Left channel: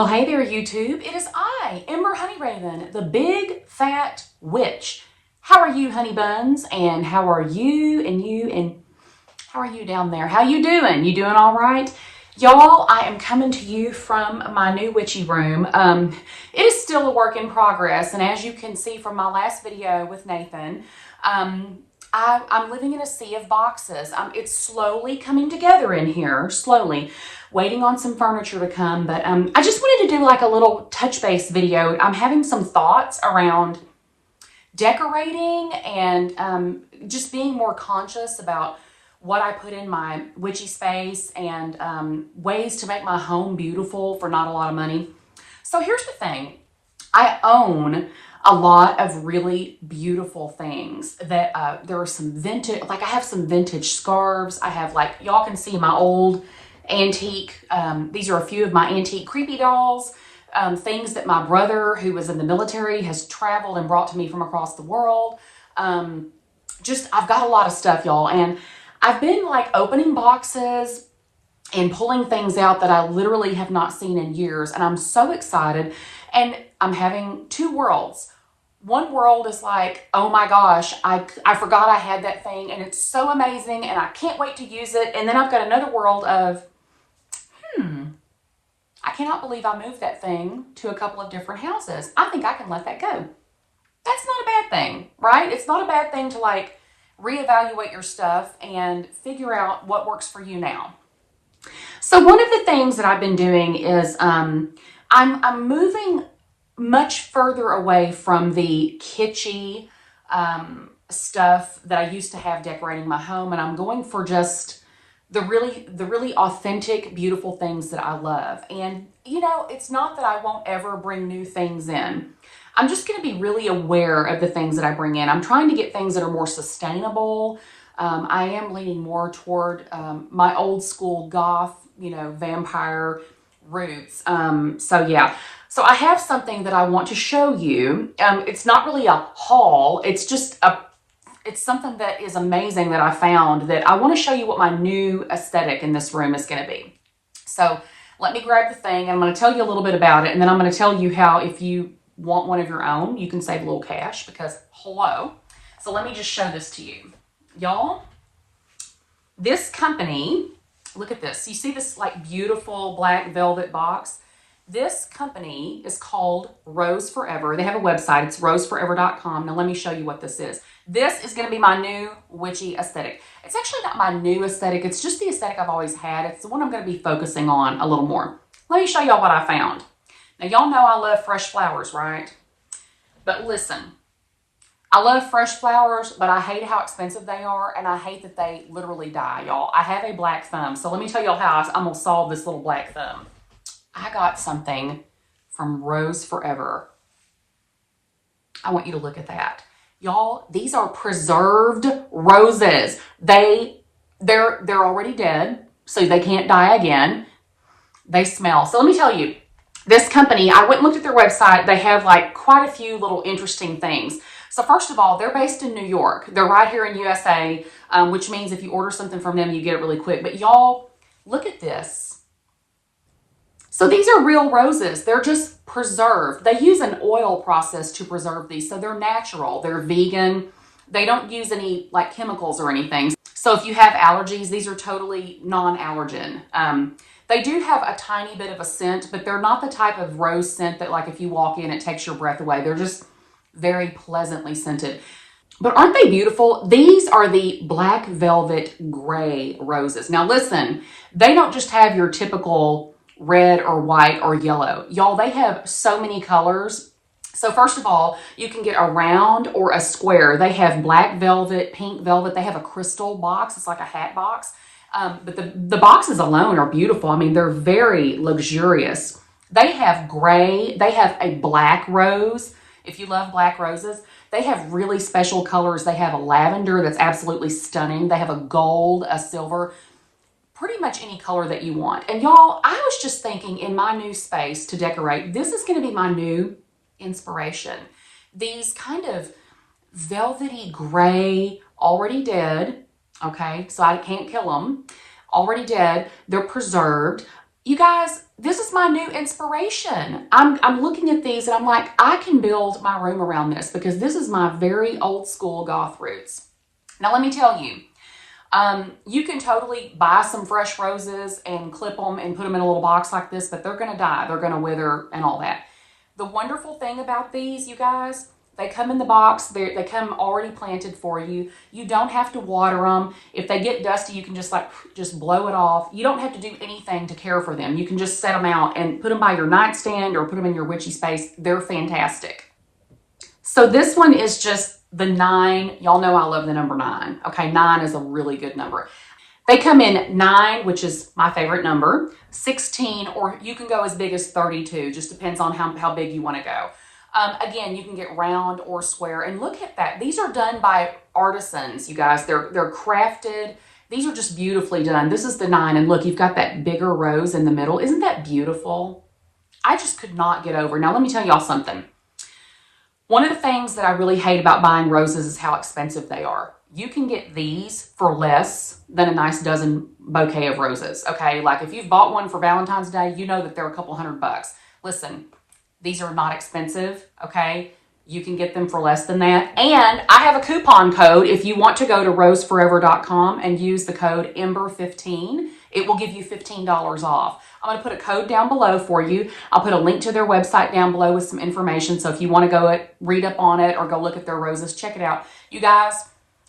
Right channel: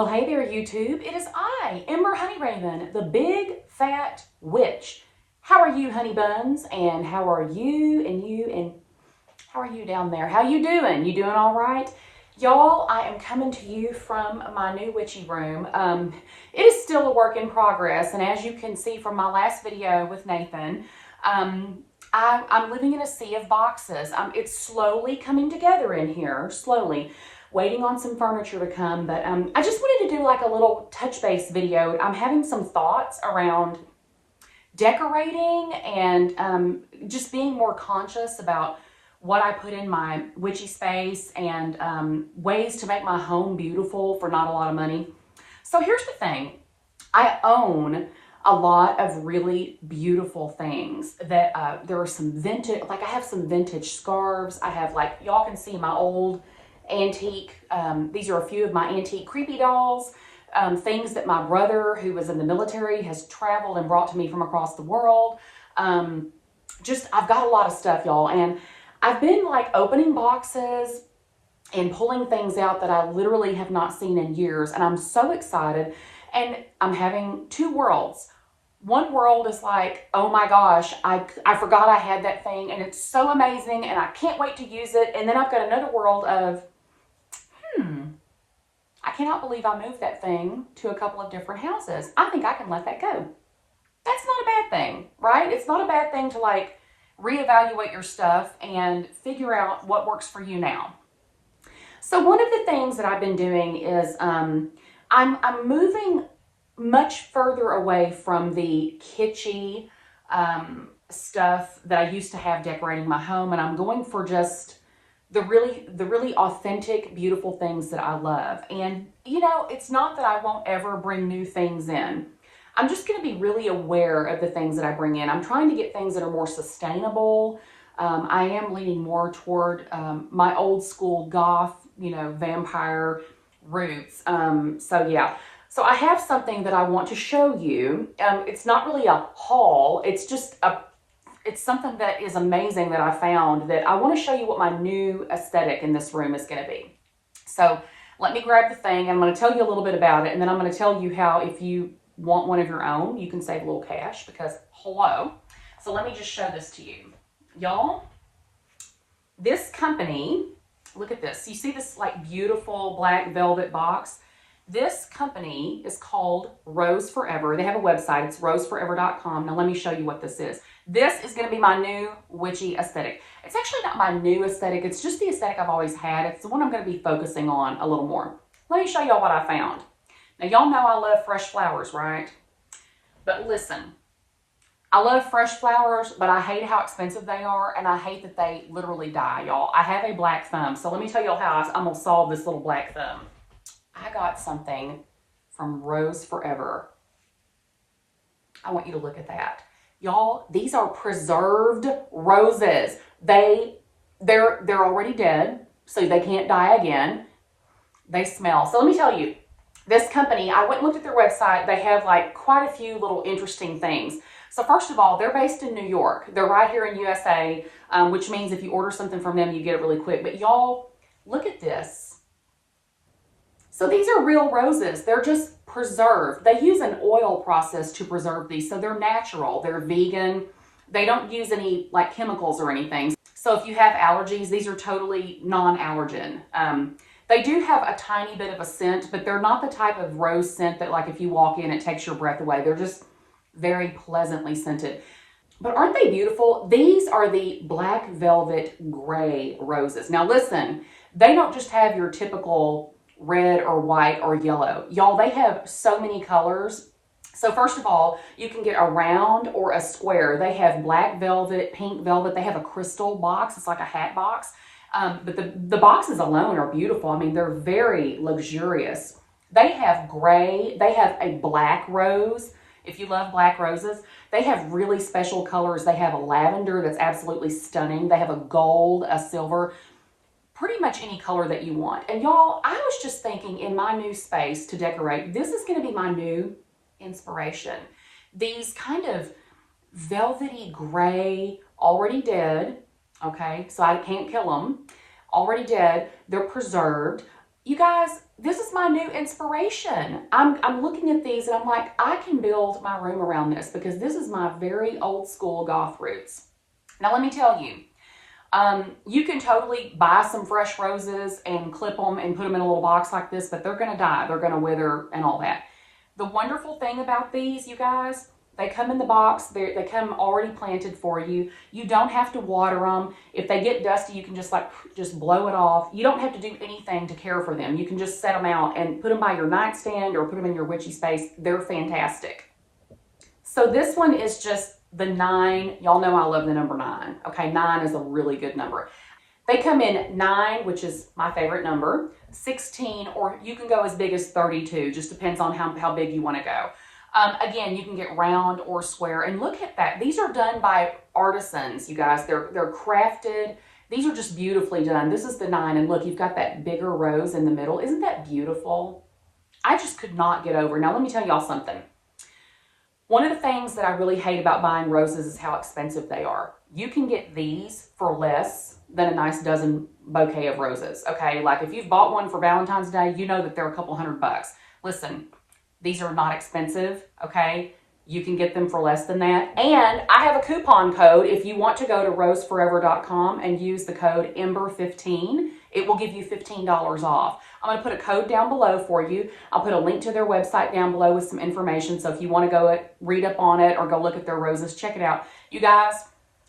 Well, hey there, YouTube. It is I, Ember Honeyraven, the big fat witch. How are you, honey buns? And how are you and how are you down there? How you doing? You doing all right? Y'all, I am coming to you from my new witchy room. It is still a work in progress, and as you can see from my last video with Nathan, I'm living in a sea of boxes. It's slowly coming together in here, slowly. Waiting on some furniture to come, but I just wanted to do like a little touch base video. I'm having some thoughts around decorating and just being more conscious about what I put in my witchy space and ways to make my home beautiful for not a lot of money. So here's the thing. I own a lot of really beautiful things that there are some vintage, like I have some vintage scarves. I have, like, y'all can see my old antique, these are a few of my antique creepy dolls, things that my brother, who was in the military, has traveled and brought to me from across the world. I've got a lot of stuff, y'all, and I've been like opening boxes and pulling things out that I literally have not seen in years, and I'm so excited. And I'm having two worlds. One world is like, oh my gosh, I forgot I had that thing and it's so amazing and I can't wait to use it. And then I've got another world of, I cannot believe I moved that thing to a couple of different houses. I think I can let that go. That's not a bad thing, right? It's not a bad thing to like reevaluate your stuff and figure out what works for you now. So one of the things that I've been doing is I'm moving much further away from the kitschy stuff that I used to have decorating my home, and I'm going for just the really authentic, beautiful things that I love. And you know, it's not that I won't ever bring new things in. I'm just going to be really aware of the things that I bring in. I'm trying to get things that are more sustainable. I am leaning more toward my old school goth, you know, vampire roots. So yeah. So I have something that I want to show you. It's not really a haul. It's just it's something that is amazing that I found, that I want to show you what my new aesthetic in this room is going to be. So let me grab the thing and I'm going to tell you a little bit about it. And then I'm going to tell you how, if you want one of your own, you can save a little cash, because hello. So let me just show this to you. Y'all, this company, look at this. You see this like beautiful black velvet box? This company is called Rose Forever. They have a website. It's roseforever.com. Now let me show you what this is. This is going to be my new witchy aesthetic. It's actually not my new aesthetic. It's just the aesthetic I've always had. It's the one I'm going to be focusing on a little more. Let me show y'all what I found. Now y'all know I love fresh flowers, right? But listen, I love fresh flowers, but I hate how expensive they are, and I hate that they literally die, y'all. I have a black thumb, so let me tell y'all how I'm going to solve this little black thumb. I got something from Rose Forever. I want you to look at that. Y'all, these are preserved roses. They're already dead, so they can't die again. They smell. So let me tell you, this company, I went and looked at their website. They have like quite a few little interesting things. So first of all, they're based in New York. They're right here in USA, which means if you order something from them, you get it really quick. But y'all, look at this. So these are real roses. They're just preserved. They use an oil process to preserve these. So they're natural. They're vegan. They don't use any like chemicals or anything. So if you have allergies, these are totally non-allergen. They do have a tiny bit of a scent, but they're not the type of rose scent that, like, if you walk in, it takes your breath away. They're just very pleasantly scented. But aren't they beautiful? These are the black velvet gray roses. Now listen, they don't just have your typical red or white or yellow. Y'all, they have so many colors. So first of all, you can get a round or a square. They have black velvet, pink velvet. They have a crystal box. It's like a hat box. But the boxes alone are beautiful. I mean, they're very luxurious. They have gray. They have a black rose. If you love black roses, they have really special colors. They have a lavender that's absolutely stunning. They have a gold, a silver, pretty much any color that you want. And y'all, I was just thinking, in my new space to decorate, this is going to be my new inspiration. These kind of velvety gray, already dead, okay, so I can't kill them, already dead, they're preserved. You guys, this is my new inspiration. I'm looking at these and I'm like, I can build my room around this because this is my very old school goth roots. Now, let me tell you, you can totally buy some fresh roses and clip them and put them in a little box like this, but they're going to die. They're going to wither and all that. The wonderful thing about these, you guys, they come in the box. They come already planted for you. You don't have to water them. If they get dusty, you can just blow it off. You don't have to do anything to care for them. You can just set them out and put them by your nightstand or put them in your witchy space. They're fantastic. So this one is just the 9. Y'all know I love the number 9. Okay, 9 is a really good number. They come in 9, which is my favorite number, 16, or you can go as big as 32. Just depends on how big you want to go. Again, you can get round or square. And look at that. These are done by artisans, you guys. They're crafted. These are just beautifully done. This is the 9. And look, you've got that bigger rose in the middle. Isn't that beautiful? I just could not get over. Now, let me tell y'all something. One of the things that I really hate about buying roses is how expensive they are. You can get these for less than a nice dozen bouquet of roses, okay? Like if you've bought one for Valentine's Day, you know that they're a couple $100. Listen, these are not expensive, okay? You can get them for less than that. And I have a coupon code. If you want to go to roseforever.com and use the code Ember15, it will give you $15 off. I'm going to put a code down below for you. I'll put a link to their website down below with some information. So if you want to go read up on it or go look at their roses, check it out. You guys,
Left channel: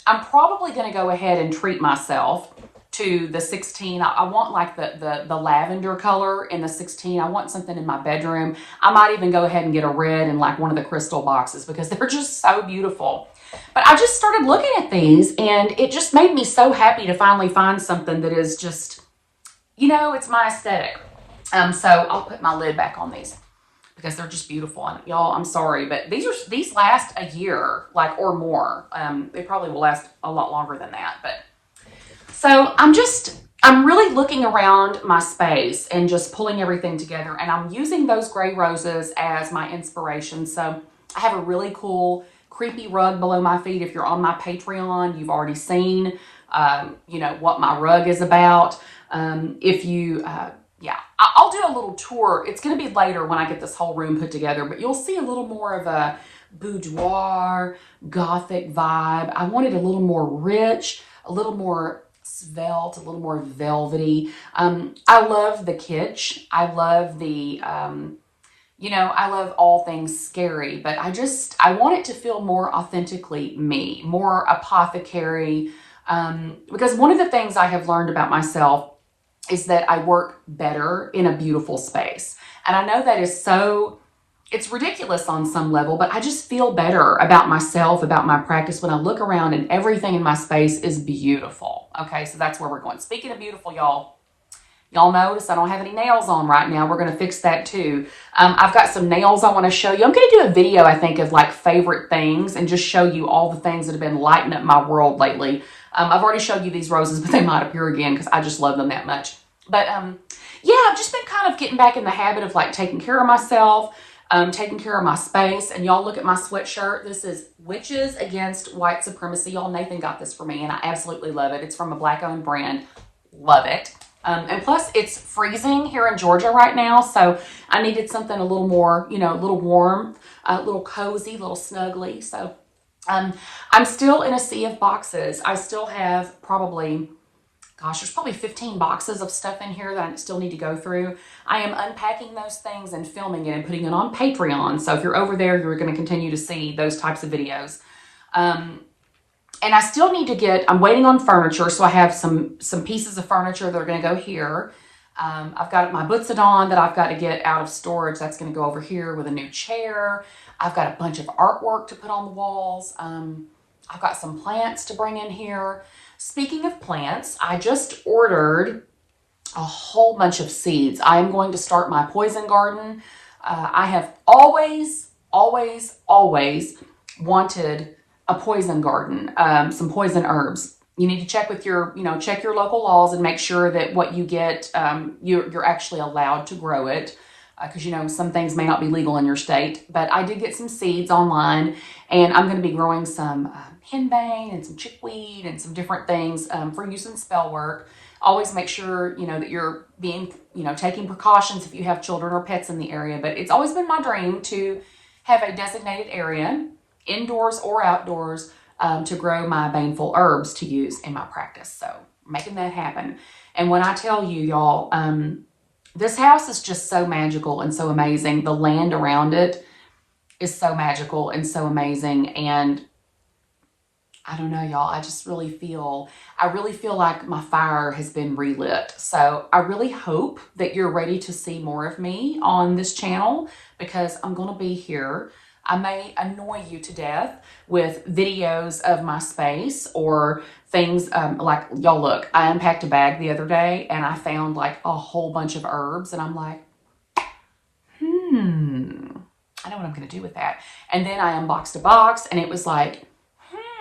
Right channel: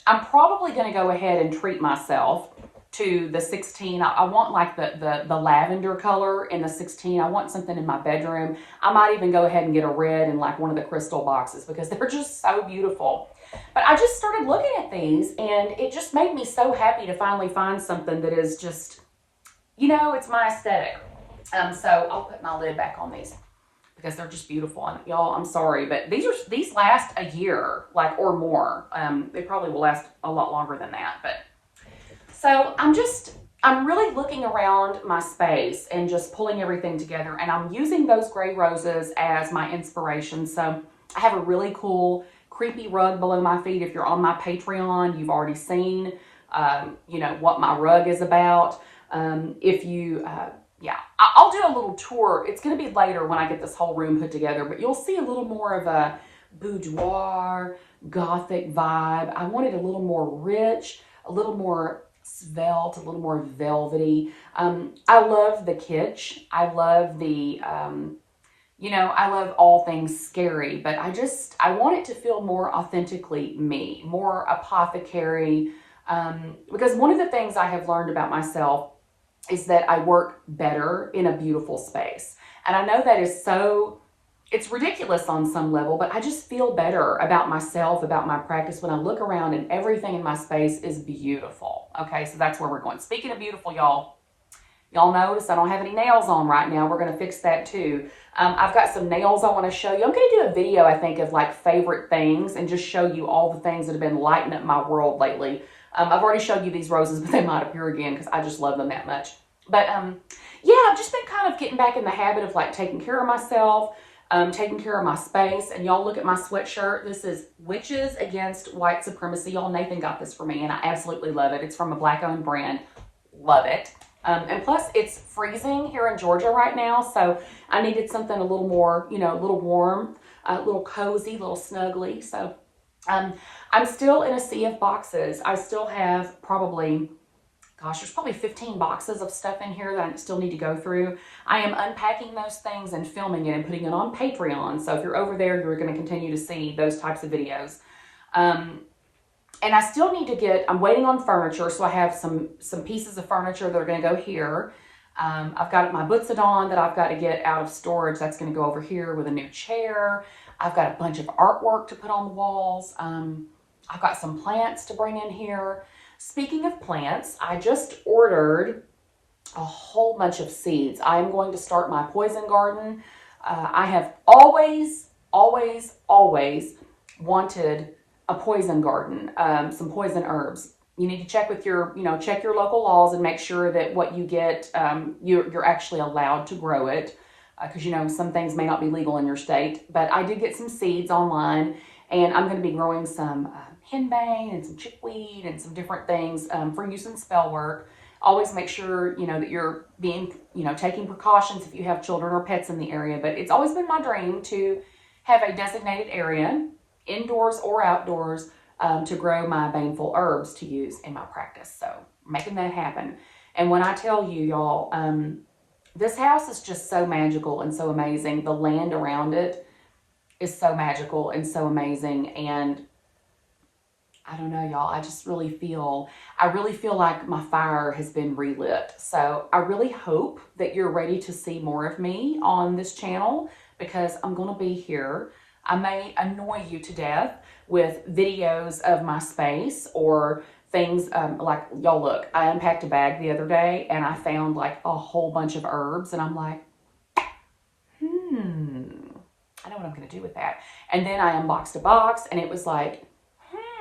I'm probably going to go ahead and treat myself to the 16. I want like the lavender color in the 16. I want something in my bedroom. I might even go ahead and get a red in like one of the crystal boxes because they're just so beautiful. But I just started looking at these and it just made me so happy to finally find something that is just, you know, it's my aesthetic. So I'll put my lid back on these because they're just beautiful. And y'all, I'm sorry, but these last a year, like, or more. They probably will last a lot longer than that. But so I'm really looking around my space and just pulling everything together. And I'm using those gray roses as my inspiration. So I have a really cool creepy rug below my feet. If you're on my Patreon, you've already seen, you know, what my rug is about. Yeah, I'll do a little tour. It's going to be later when I get this whole room put together, but you'll see a little more of a boudoir, gothic vibe. I wanted a little more rich, a little more svelte, a little more velvety. I love the kitsch. I love the, you know, I love all things scary, but I want it to feel more authentically me, more apothecary, because one of the things I have learned about myself is that I work better in a beautiful space. And I know that is it's ridiculous on some level, but I just feel better about myself, about my practice when I look around and everything in my space is beautiful. Okay, so that's where we're going. Speaking of beautiful, y'all notice I don't have any nails on right now. We're going to fix that too. I've got some nails I want to show you. I'm going to do a video, I think, of like favorite things and just show you all the things that have been lighting up my world lately. I've already showed you these roses, but they might appear again because I just love them that much. But yeah, I've just been kind of getting back in the habit of like taking care of myself, taking care of my space. And y'all look at my sweatshirt. This is Witches Against White Supremacy. Y'all, Nathan got this for me and I absolutely love it. It's from a Black-owned brand. Love it. And plus it's freezing here in Georgia right now. So I needed something a little more, you know, a little warm, a little cozy, a little snuggly. So I'm still in a sea of boxes. I still have there's probably 15 boxes of stuff in here that I still need to go through. I am unpacking those things and filming it and putting it on Patreon. So if you're over there, you're going to continue to see those types of videos. And I still need to I'm waiting on furniture. So I have some pieces of furniture that are going to go here. I've got my Butsadon that I've got to get out of storage. That's going to go over here with a new chair. I've got a bunch of artwork to put on the walls. I've got some plants to bring in here. Speaking of plants, I just ordered a whole bunch of seeds. I am going to start my poison garden. I have always wanted a poison garden, some poison herbs. You need to check with check your local laws and make sure that what you get, you're actually allowed to grow it. Because, you know, some things may not be legal in your state. But I did get some seeds online, and I'm going to be growing some henbane and some chickweed and some different things for use in spell work. Always make sure, you know, that you're being, you know, taking precautions if you have children or pets in the area. But it's always been my dream to have a designated area, indoors or outdoors, to grow my baneful herbs to use in my practice. So making that happen. And when I tell you, y'all, this house is just so magical and so amazing. The land around it is so magical and so amazing. And I don't know, y'all, I really feel like my fire has been relit. So I really hope that you're ready to see more of me on this channel, because I'm going to be here. I may annoy you to death with videos of my space or things like, y'all look, I unpacked a bag the other day and I found like a whole bunch of herbs and I'm like, I know what I'm going to do with that. And then I unboxed a box and it was like,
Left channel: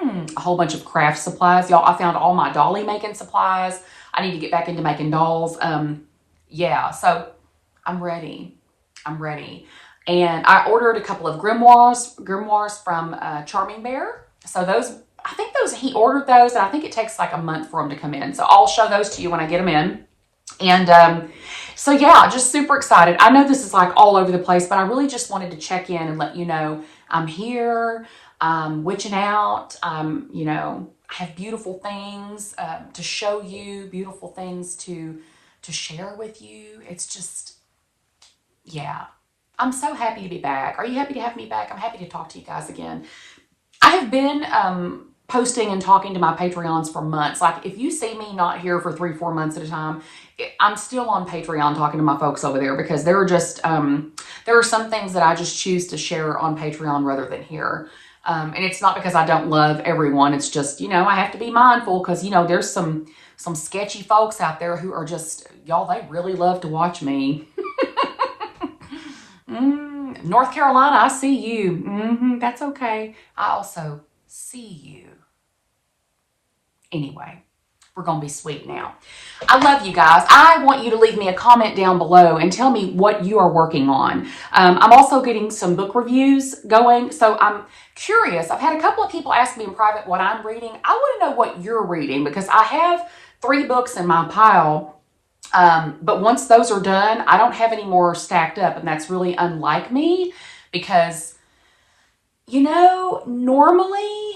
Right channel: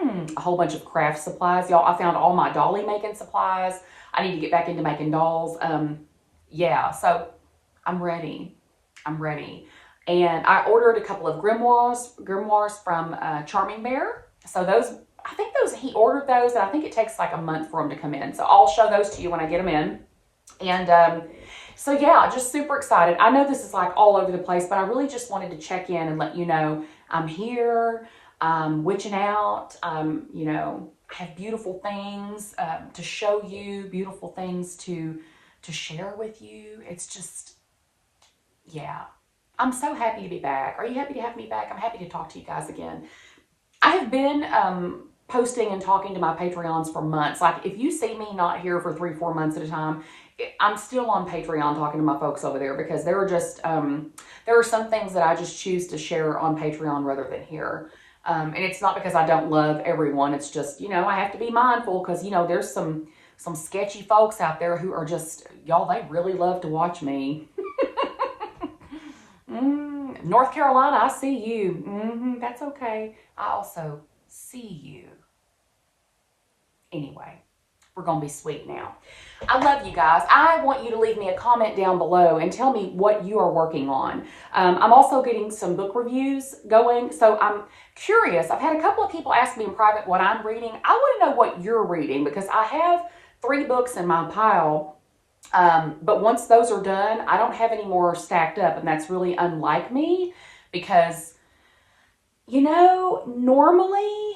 a whole bunch of craft supplies. Y'all, I found all my dolly making supplies. I need to get back into making dolls. Yeah, so I'm ready. And I ordered a couple of grimoires from Charming Bear. So those, I think he ordered those, and I think it takes like a month for them to come in. So I'll show those to you when I get them in. And so yeah, just super excited. I know this is like all over the place, but I really just wanted to check in and let you know I'm here. Witching out, you know, I have beautiful things to show you, beautiful things to share with you. It's just, yeah, I'm so happy to be back. Are you happy to have me back? I'm happy to talk to you guys again. I have been posting and talking to my Patreons for months. Like if you see me not here for 3-4 months at a time, I'm still on Patreon talking to my folks over there, because there are just, there are some things that I just choose to share on Patreon rather than here. And it's not because I don't love everyone. It's just, you know, I have to be mindful because, you know, there's some sketchy folks out there who are just, y'all, they really love to watch me. North Carolina, I see you. That's okay. I also see you. Anyway, we're going to be sweet now. I love you guys. I want you to leave me a comment down below and tell me what you are working on. I'm also getting some book reviews going, so I'm curious. I've had a couple of people ask me in private what I'm reading. I want to know what you're reading, because I have 3 books in my pile, but once those are done, I don't have any more stacked up, and that's really unlike me, because, you know, normally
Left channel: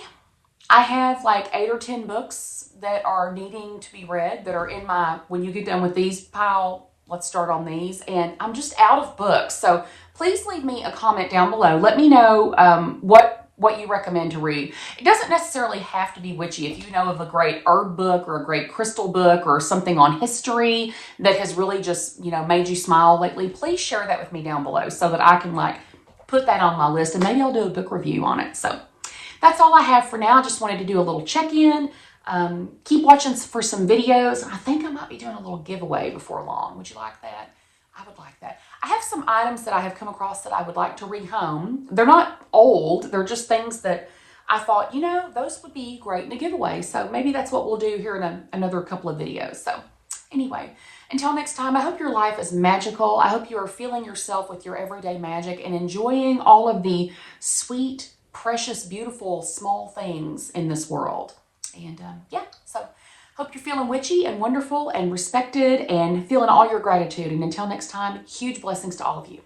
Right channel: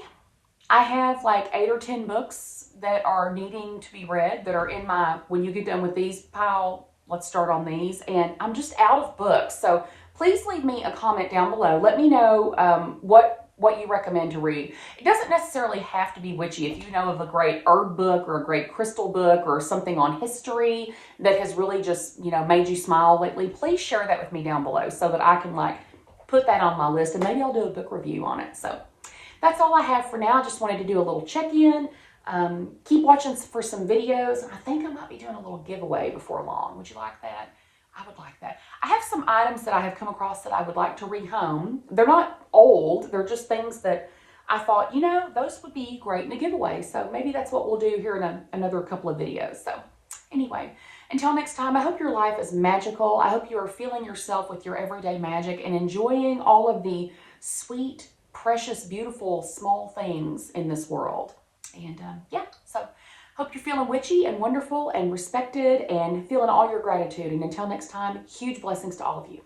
I have like 8 or 10 books that are needing to be read, that are in my, when you get done with these pile, let's start on these, and I'm just out of books. So please leave me a comment down below. Let me know what you recommend to read. It doesn't necessarily have to be witchy. If you know of a great herb book or a great crystal book or something on history that has really just, you know, made you smile lately, please share that with me down below so that I can like put that on my list, and maybe I'll do a book review on it. So that's all I have for now. I just wanted to do a little check-in. Keep watching for some videos. I think I might be doing a little giveaway before long. Would you like that? I would like that. I have some items that I have come across that I would like to rehome. They're not old. They're just things that I thought, you know, those would be great to give away. So maybe that's what we'll do here in another couple of videos. So anyway, until next time, I hope your life is magical. I hope you are feeling yourself with your everyday magic and enjoying all of the sweet, precious, beautiful, small things in this world. And yeah, so hope you're feeling witchy and wonderful and respected and feeling all your gratitude. And until next time, huge blessings to all of you.